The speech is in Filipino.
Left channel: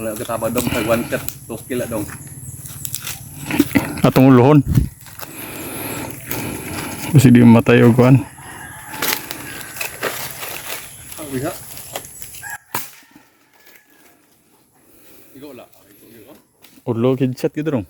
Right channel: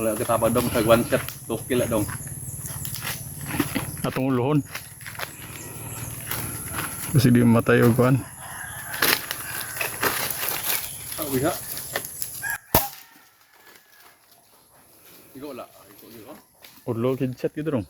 Wala ka taba dong tag one shot 2 kilo dong. Atong ulohon. Kasi di matay og kuan. Oh, bisa. Igo wala. Igo. Ulo kid shot gid dong.